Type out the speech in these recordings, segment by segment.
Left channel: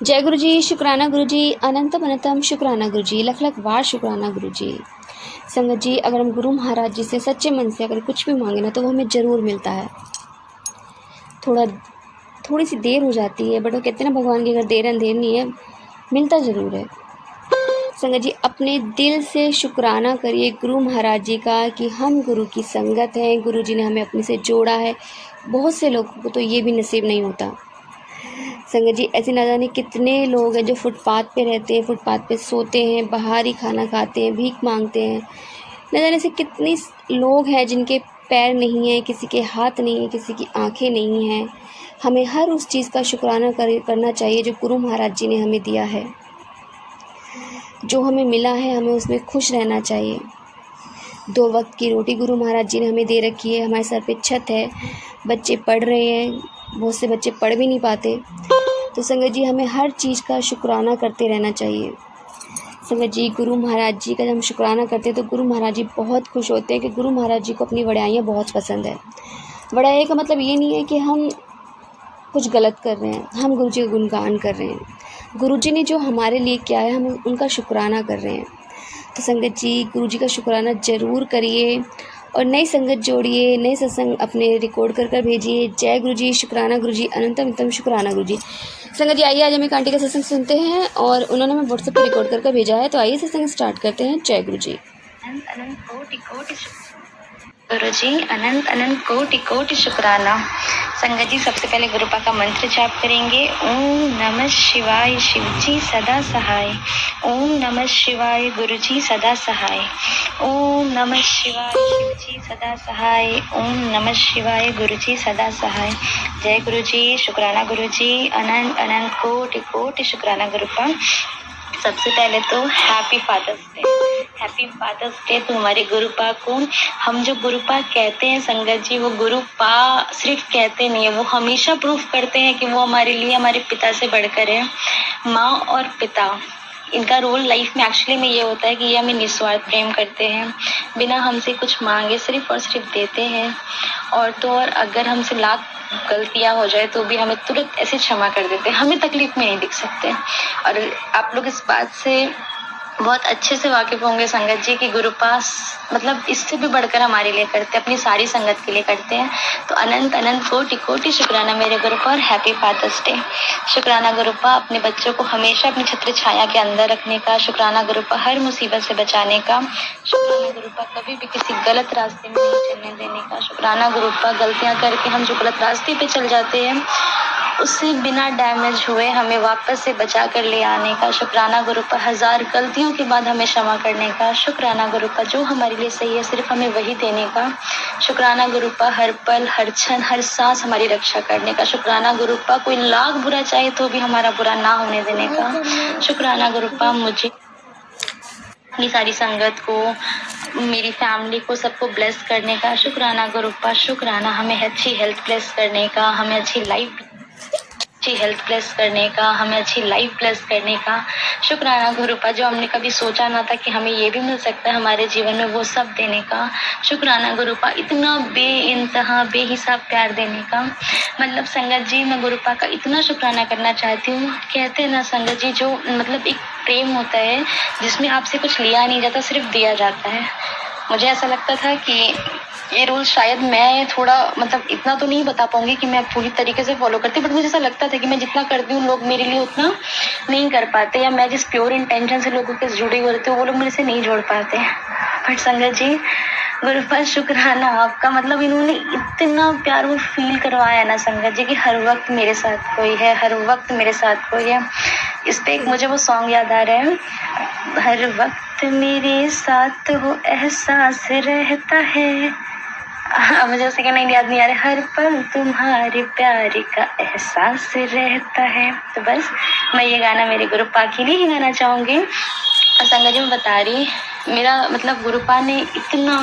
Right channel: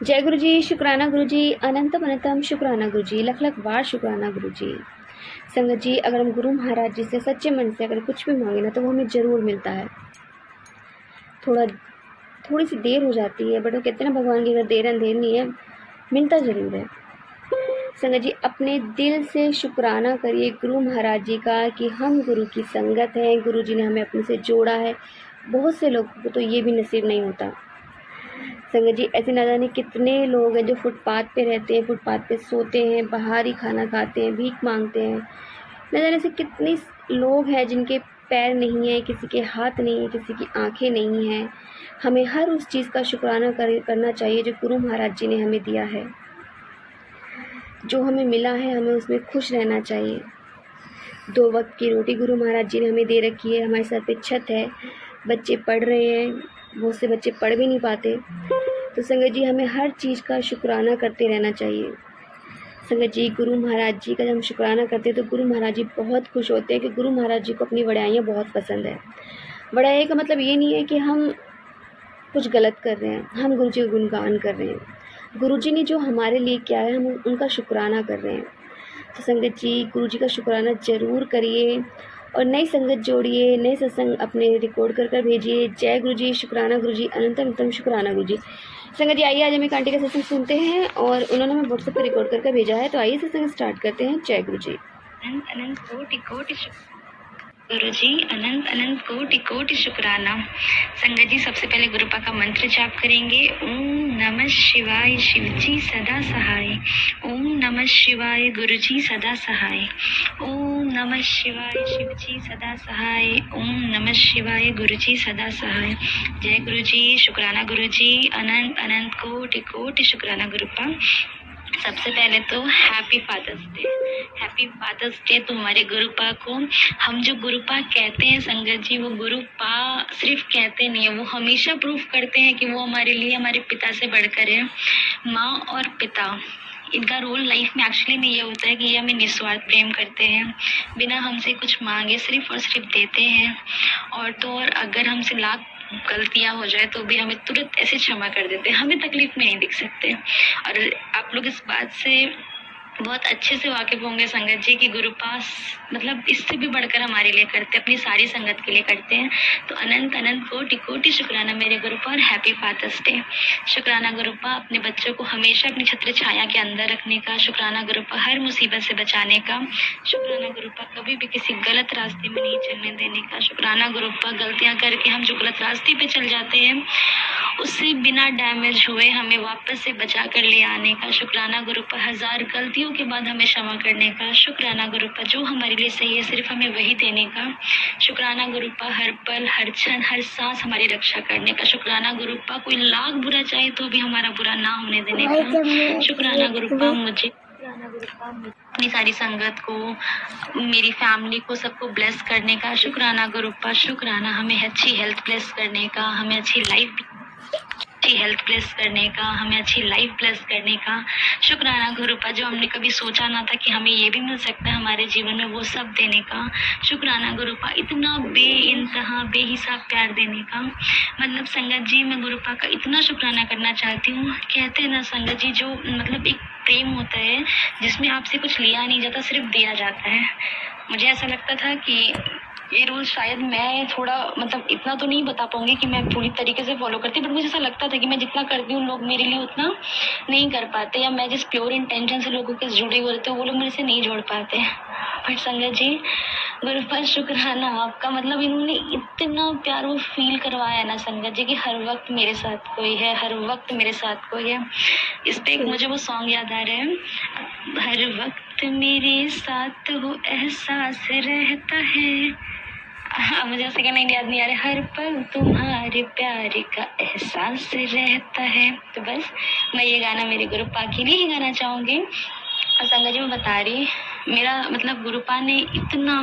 जय गुरु जी, शुक्राना गुरु जी, अनंतम अनंतम शुक्राना गुरु जी, लख लख बार शुक्राना गुरु जी। संगत जी, अगर हम गुरु महाराज जी से सच्चे मन से अगर कुछ भी मांगे ना तो वो हमें ज़रूर मिलता है। थोड़ी सी देर हो जाती है, बट वो कहते हैं ना, भगवान की अगर देर अंधेर नहीं है, मिलता ज़रूर है। संगत जी, अपने दिल से शुक्राना करिए गुरु महाराज जी का कि हम गुरु की संगत हैं, गुरु जी ने हमें अपने से जोड़ा है। बहुत से लोगों को तो ये भी नसीब नहीं होता। संगत जी, ऐसे न जाने कितने लोग हैं जो फुटपाथ पे रहते हैं, फुटपाथ पे सोते हैं, बाहर ही खाना खाते हैं, भीख मांगते हैं। न जाने से कितने लोग हैं जिनके पैर नहीं है, किसी के हाथ नहीं है, किसी की आंखें नहीं हैं। हमें हर उस चीज़ का शुक्राना करना चाहिए जो गुरु महाराज जी ने हमें दिया है। जो हमें मिला है, हमें उसमें खुश रहना चाहिए। 2 वक्त की रोटी गुरु महाराज जी ने हमें दे रखी है, हमारे सर पे छत है, बच्चे पढ़ रहे हैं, बहुत से बच्चे पढ़ भी नहीं पाते। तो संगत जी, हमें हर चीज़ का शुक्राना करते रहना चाहिए। संगत जी, गुरु महाराज जी का जब हम शुक्राना करते हैं तो गुरु महाराज जी बहुत खुश होते हैं कि गुरु महाराज जी को अपनी बड़ाइयाँ बहुत पसंद है। बड़ाई का मतलब ये नहीं है कि हम कुछ गलत कर रहे हैं, हम गुरु जी का गुणगान कर रहे हैं। गुरु जी ने जो हमारे लिए किया है, हम उनका शुक्राना कर रहे हैं। तो संगत जी, गुरु जी का शुक्राना ज़रूर करिए और नई संगत जोड़िए, नए सत्संग अपने रिकॉर्ड कर भेजिए। जय गुरु जी, शुक्राना गुरु जी, अनंतम अनंतम शुक्राना गुरु जी। संगत जी, आइए आज हम एक आंटी का सत्संग सुनते हैं और उन्होंने हमें व्हाट्सएप पर रिकॉर्ड करके भेजा है। तो आइए सत्संग स्टार्ट करते हैं। जय गुरु जी। अनंत अनंत कोटि कोटि गुरु जी, अनंत अनंत कोटि कोटि शुक्राना। संगत जी, सबसे पहले गुरुपा का मंत्र जाप करेंगे। ओम नमः शिवाय, शिव जी सदा सहाय। ओम नमः शिवाय, गुरु जी सदा सहाय। ओम नमः शिवाय, शिव जी सदा सहाय। ओम नमः शिवाय, गुरु जी सदा सहाय। जय गुरु जी, शुक्राना गुरु जी, अनंत अनंत कोटि कोटि शुक्राना गुरुपा। सबसे पहले तो happy father's day. Happy father's day तो हमारे गुरुपा को। हम जो गुरुपा कहते हैं संगत जी, वो गुरुपा सिर्फ कहते नहीं है, वो हमेशा प्रूफ करते हैं कि वो हमारे लिए हमारे पिता से बढ़कर है। माँ और पिता, इनका रोल लाइफ में एक्चुअली में ये होता है कि ये हमें निस्वार्थ प्रेम करते हैं, बिना हमसे कुछ मांगे सिर्फ और सिर्फ देते हैं। और तो और अगर हमसे लाख गलतियां हो जाए तो भी हमें तुरंत ऐसे क्षमा कर देते हैं, हमें तकलीफ में नहीं दिख सकते। और आप लोग इस बात से बहुत अच्छे से वाकिफ होंगे संगत जी कि गुरुपास मतलब इससे भी बढ़कर हमारे लिए करते हैं, अपनी सारी संगत के लिए करते हैं। तो अनंत अनंत कोटि कोटि शुक्राना मेरे गुरुपा और हैप्पी फादर्स डे। शुक्राना गुरुपा अपने बच्चों को हमेशा अपनी छत्र छाया के अंदर रखने का। शुक्राना गुरुपा हर मुसीबत से बचाने का। शुक्राना गुरुपा कभी भी किसी गलत रास्ते में नहीं चलने देने का। शुक्राना गुरुपा गलतियां करके हम जो गलत रास्ते पे चल जाते हैं उससे बिना डैमेज हुए हमें वापस से बचा कर ले आने का। शुक्राना गुरुपा 1000 गलतियों के बाद हमें क्षमा करने का। शुक्राना गुरुपा जो हमारे लिए सही है सिर्फ हमें वही देने का। शुक्राना गुरुपा हर पल हर क्षण हर सांस हमारी रक्षा करने का। शुक्राना गुरुपा कोई लाख बुरा चाहे तो भी हमारा बुरा ना होने देने का। शुक्राना गुरुपा मुझे अपनी सारी संगत को, मेरी फैमिली को, सबको ब्लेस करने का। शुक्राना गुरुपा, शुक्राना हमें अच्छी हेल्थ ब्लेस करने का, हमें अच्छी लाइफ ब्लेस करने का, हमें अच्छी लाइफ ब्लेस करने का। शुक्राना गुरुपा जो हमने कभी सोचा ना था कि हमें ये भी मिल सकता है हमारे जीवन में, वो सब देने का। शुक्राना गुरुपा इतना बेइंतहा बेहिसाब प्यार देने का। मतलब संगत जी, मैं गुरुपा का इतना शुक्राना करना चाहती हूँ। कहते हैं ना संगत जी, जो मतलब एक प्रेम होता है जिसमें आपसे कुछ लिया नहीं जाता, सिर्फ दिया जाता है। मुझे ऐसा लगता था कि ये रूल शायद मैं थोड़ा मतलब इतना तो नहीं बता पाऊंगी कि मैं पूरी तरीके से फॉलो करती, बट मुझे ऐसा लगता था कि मैं जितना करती हूँ लोग मेरे लिए उतना नहीं कर पाते, या मैं जिस प्योर इंटेंशन से लोगों के जुड़े हुए रहते वो लोग मेरे से नहीं जोड़ पाते। बट संगत जी, गुरुपा शुक्राना आपका, मतलब इन्होंने इतना प्यार वो फील करवाया ना संगत जी कि हर वक्त मेरे साथ कोई है, हर वक्त मेरे साथ कोई है। इस पे एक मुझे वो सॉन्ग याद आ रहा है, हर वक्त मेरे साथ हो एहसास रहता है। मुझे उसका नहीं याद नहीं आ रहा, हर पल तुम्हारे प्यार का एहसास रहता है। तो बस मैं ये गाना मेरे गुरुपा के लिए ही गाना चाहूंगी। संगत जी, मैं बता रही, मेरा मतलब गुरुपा ने इतना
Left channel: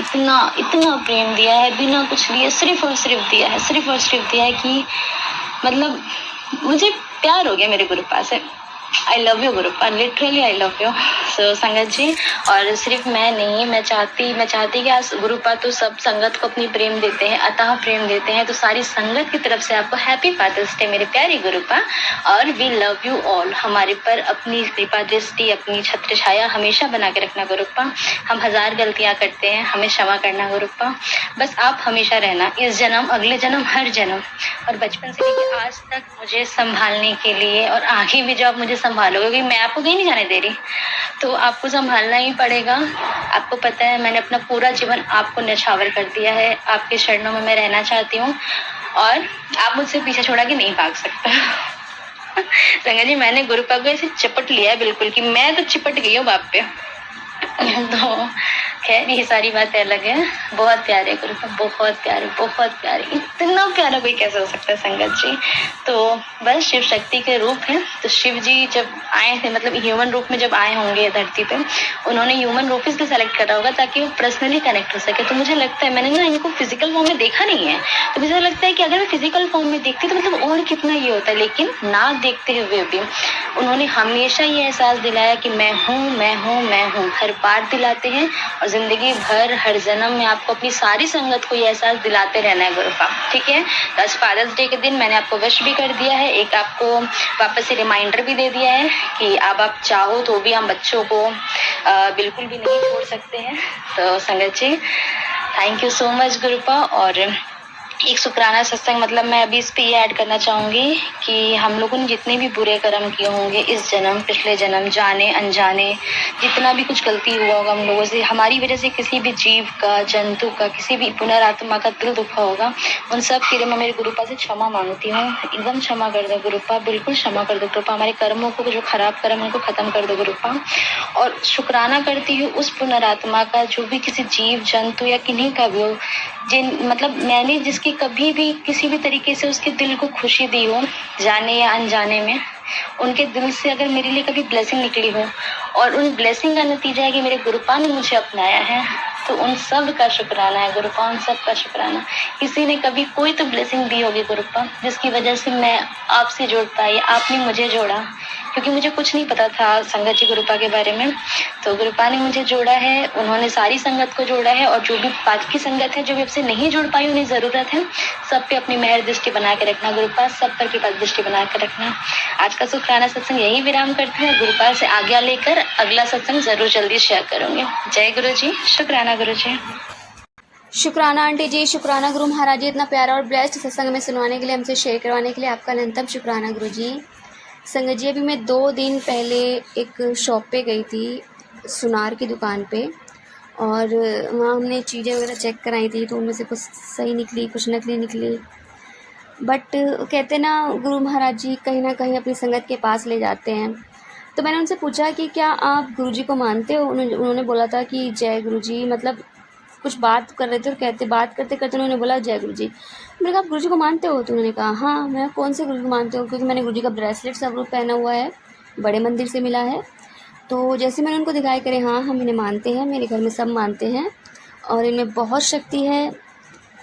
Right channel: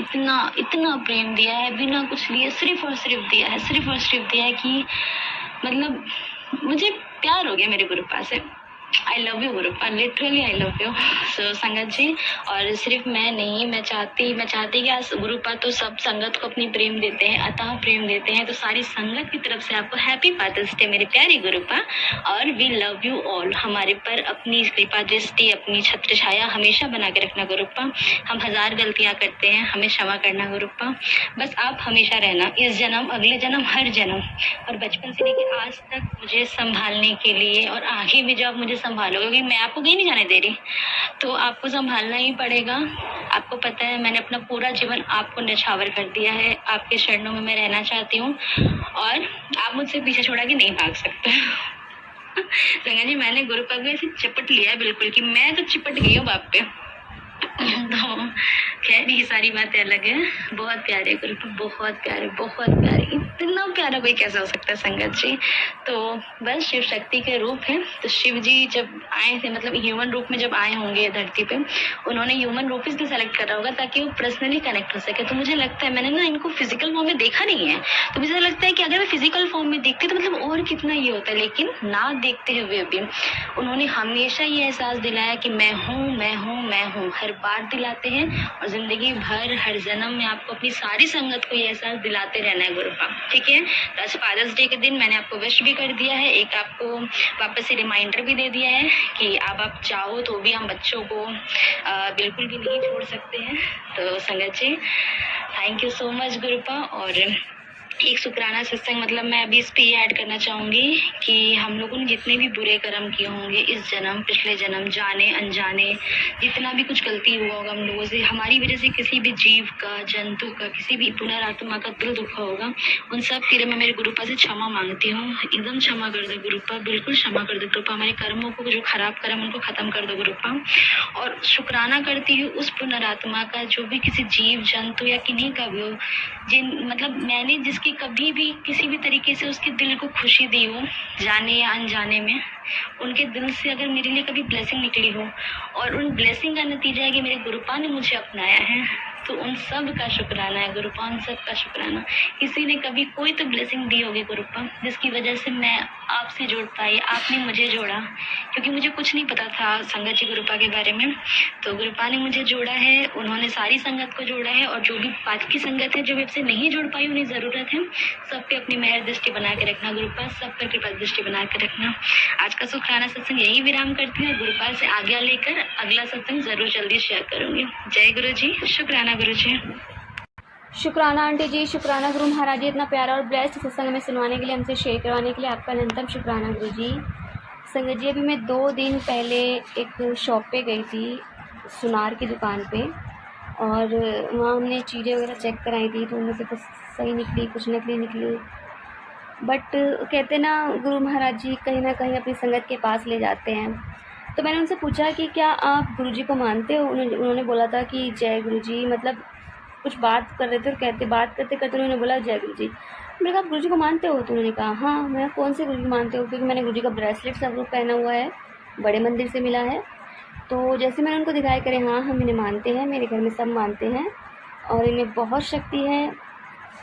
इतना इतना प्रेम दिया है, बिना कुछ लिए सिर्फ और सिर्फ दिया है, कि मतलब मुझे प्यार हो गया मेरे गुरुपा से। I love you Gurupa, literally I love you. So Sangat ji, और सिर्फ मैं नहीं, मैं चाहती कि आज गुरुपा तो सब संगत को अपनी प्रेम देते हैं, अतः प्रेम देते हैं, तो सारी संगत की तरफ से आपको हैप्पी फादर्स डे मेरे प्यारे गुरुपा। और वी लव यू ऑल। हमारे पर अपनी कृपा दृष्टि, अपनी छत्र छाया हमेशा बना के रखना गुरुपा। हम 1000 गलतियां करते हैं, हमें क्षमा करना गुरुपा। बस आप हमेशा रहना, इस जन्म, अगले जन्म, हर जन्म। और बचपन से लेकर आज तक मुझे संभालने के लिए, और आगे भी जो आप मुझे संभालोगे, क्योंकि मैं आपको कहीं नहीं जाने दे रही, तो आपको संभालना ही पड़ेगा। आपको पता है मैंने अपना पूरा जीवन आपको न्यौछावर कर दिया है, आपके चरणों में मैं रहना चाहती हूँ, और आप मुझसे पीछे छोड़ा के नहीं भाग सकता। संगत जी, मैंने गुरुपा को ऐसे चिपट लिया है बिल्कुल, कि मैं तो चिपट गई हूँ बाप पे। तो खैर ये सारी बातें अलग है। बहुत प्यारे गुरुपा, बहुत प्यारे, इतना प्यारा कोई कैसे हो सकता है संगत जी। तो बस शिव शक्ति के रूप है। तो शिव जी जब आए थे, मतलब ह्यूमन रूप में जब आए होंगे धरती पे, उन्होंने ह्यूमन रूप इसलिए सेलेक्ट करा होगा ताकि वो पर्सनली कनेक्ट हो सके। तो मुझे लगता है, मैंने ना इनको फिजिकल फॉर्म में देखा नहीं है, तो मुझे लगता है कि अगर मैं फिजिकल फॉर्म में देखती तो मतलब और कितना ये होता है, लेकिन ना देखते हुए भी उन्होंने हमेशा ये एहसास दिलाया कि मैं हूँ, हर बार दिलाते हैं, और जिंदगी भर हर जन्म में आपको अपनी सारी संगत को ये एहसास दिलाते रहना है गुरुपा, ठीक है। तो आज फादर्स डे के दिन मैंने आपको विश भी कर दिया है, एक आपको वापस से रिमाइंडर भी दे दिया है कि अब आप चाहो तो भी हम बच्चों को बिल्कुल भी नहीं छोड़ सकते हैं। तो संगत जी, थैंक यू सो मच गुरुपा। और एक शुक्राना सत्संग, मतलब मैं अभी इस पे ये ऐड करना चाहूंगी कि हम लोगों ने जितने भी बुरे कर्म किए होंगे इस जन्म, पिछले जन्म, जाने अनजाने, जितना भी कुछ गलती हुआ होगा हम लोगों से, हमारी वजह से किसी भी जीव का, जंतु का, किसी भी पुनरात्मा का दिल दुखा होगा, उन सब के लिए मैं मेरे गुरुपा से क्षमा मांगती हूँ। एकदम क्षमा कर दो गुरुपा, बिल्कुल क्षमा कर दो गुरुपा। हमारे कर्मों को, जो खराब कर्म उनको खत्म कर दो गुरुपा। और शुक्राना करती हूँ उस पुनरात्मा का, जो भी किसी जीव जंतु या किन्हीं का भी हो, मतलब मैंने जिसके कभी भी किसी भी तरीके से उसके दिल को खुशी दी हो, जाने या अनजाने में, उनके दिल से अगर मेरे लिए कभी ब्लेसिंग निकली हो, और उन ब्लेसिंग का नतीजा है कि मेरे गुरुपा ने मुझे अपनाया है, तो उन सब का शुक्राना है गुरुपा, उन सब का शुक्राना। किसी ने कभी कोई तो ब्लेसिंग दी होगी गुरुपा, जिसकी वजह से मैं आपसे जुड़ पाई, आपने मुझे जोड़ा, क्योंकि मुझे कुछ नहीं पता था संगत जी गुरुपा के बारे में। तो गुरुपा ने मुझे जोड़ा है, उन्होंने सारी संगत को जोड़ा है, और जो भी बाकी संगत है जो भी आपसे नहीं जुड़ पाई, उन्हें जरूरत है, सब पे अपनी मेहर दृष्टि बना के रखना गुरुपा, सब पर कृपा दृष्टि बना के रखना। आज का शुक्राना सत्संग यही विराम करते हैं, गुरुपा से आज्ञा लेकर अगला सत्संग जरूर जल्दी शेयर करूंगी। जय गुरु जी, शुक्राना गुरु जी। शुक्राना आंटी जी, शुक्राना गुरु महाराज जी, इतना प्यारा और ब्लेस्ड सत्संग में सुनवाने के लिए, हमसे शेयर करवाने के लिए आपका अनंतम शुक्राना गुरु जी। संगत जी, अभी मैं 2 दिन पहले एक शॉप पे गई थी, सुनार की दुकान पे, और वहाँ हमने चीज़ें वगैरह चेक कराई थी, तो उनमें से कुछ सही निकली, कुछ नकली निकली। बट कहते ना गुरु महाराज जी कहीं ना कहीं अपनी संगत के पास ले जाते हैं। तो मैंने उनसे पूछा कि क्या आप गुरु जी को मानते हो? उन्होंने बोला था कि जय गुरु जी, मतलब कुछ बात कर रहे थे और बात करते करते उन्होंने बोला जय गुरु जी। मैंने कहा आप गुरु जी को मानते हो? तो उन्होंने कहा हाँ। मैं कौन से गुरु जी को मानते हो? क्योंकि मैंने गुरु जी का ब्रेसलेट स्वरूप पहना हुआ है, बड़े मंदिर से मिला है। तो जैसे मैंने उनको दिखाया, करे हाँ हम इन्हें मानते हैं, मेरे घर में सब मानते हैं, और इनमें बहुत शक्ति है,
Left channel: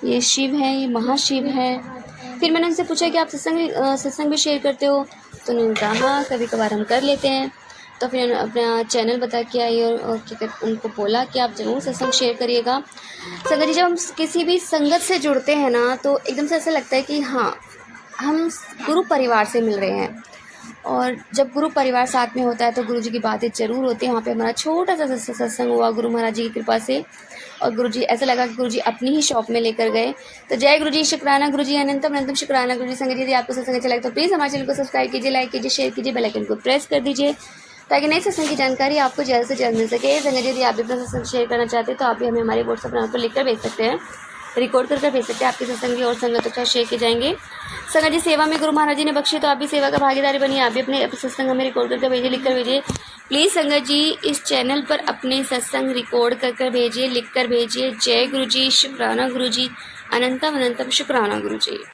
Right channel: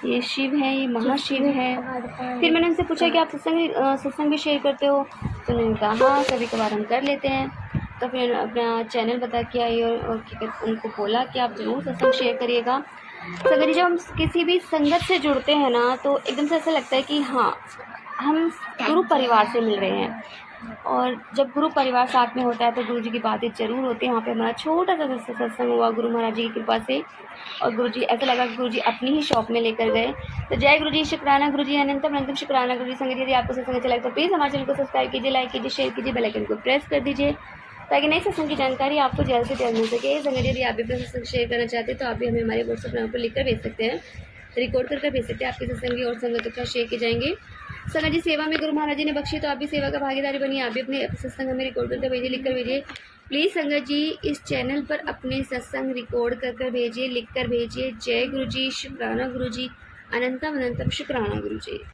ये शिव है, ये महाशिव है। फिर मैंने उनसे पूछा कि आप सत्संग भी शेयर करते हो? तो उन्होंने कहा हाँ, कभी कभार हम कर लेते हैं। तो फिर अपना चैनल बता के आई, और उनको बोला कि आप ज़रूर सत्संग शेयर करिएगा। संगत जी, जब हम किसी भी संगत से जुड़ते हैं ना, तो एकदम से ऐसा लगता है कि हाँ, हम गुरु परिवार से मिल रहे हैं। और जब गुरु परिवार साथ में होता है तो गुरु जी की बातें ज़रूर होती हैं। वहाँ पे हमारा छोटा सा सत्संग हुआ गुरु महाराज जी की कृपा से, और गुरु जी, ऐसा लगा कि गुरु जी अपनी ही शॉप में लेकर गए। तो जय गुरु जी, शुक्राना गुरु जी, अनंतम शुक्राना गुरु जी। संगत जी, यदि आपको सत्संग अच्छा लगे तो प्लीज़ हमारे चैनल को सब्सक्राइब कीजिए, लाइक कीजिए, शेयर कीजिए, बेल आइकन को प्रेस कर दीजिए, ताकि नई सत्संग की जानकारी आपको जल्द से जल्द मिल सके। संगत जी, यदि आप भी अपना सत्संग शेयर करना चाहते हैं तो आप भी हमें हमारे व्हाट्सएप नंबर पर लिखकर भेज सकते हैं, रिकॉर्ड करके भेज सकते हैं। आपके सत्संग और संगतों के साथ शेयर किए जाएंगे। संगत जी, सेवा में गुरु महाराज जी ने बख्शी, तो आप भी सेवा का भागीदारी बनिए, आप भी अपने सत्संग हमें रिकॉर्ड करके भेजिए, लिखकर भेजिए। प्लीज़ संगत जी, इस चैनल पर अपने सत्संग रिकॉर्ड कर भेजिए, लिखकर भेजिए। जय गुरु जी, शुक्राना गुरु जी, अनंतम शुक्राना गुरु जी।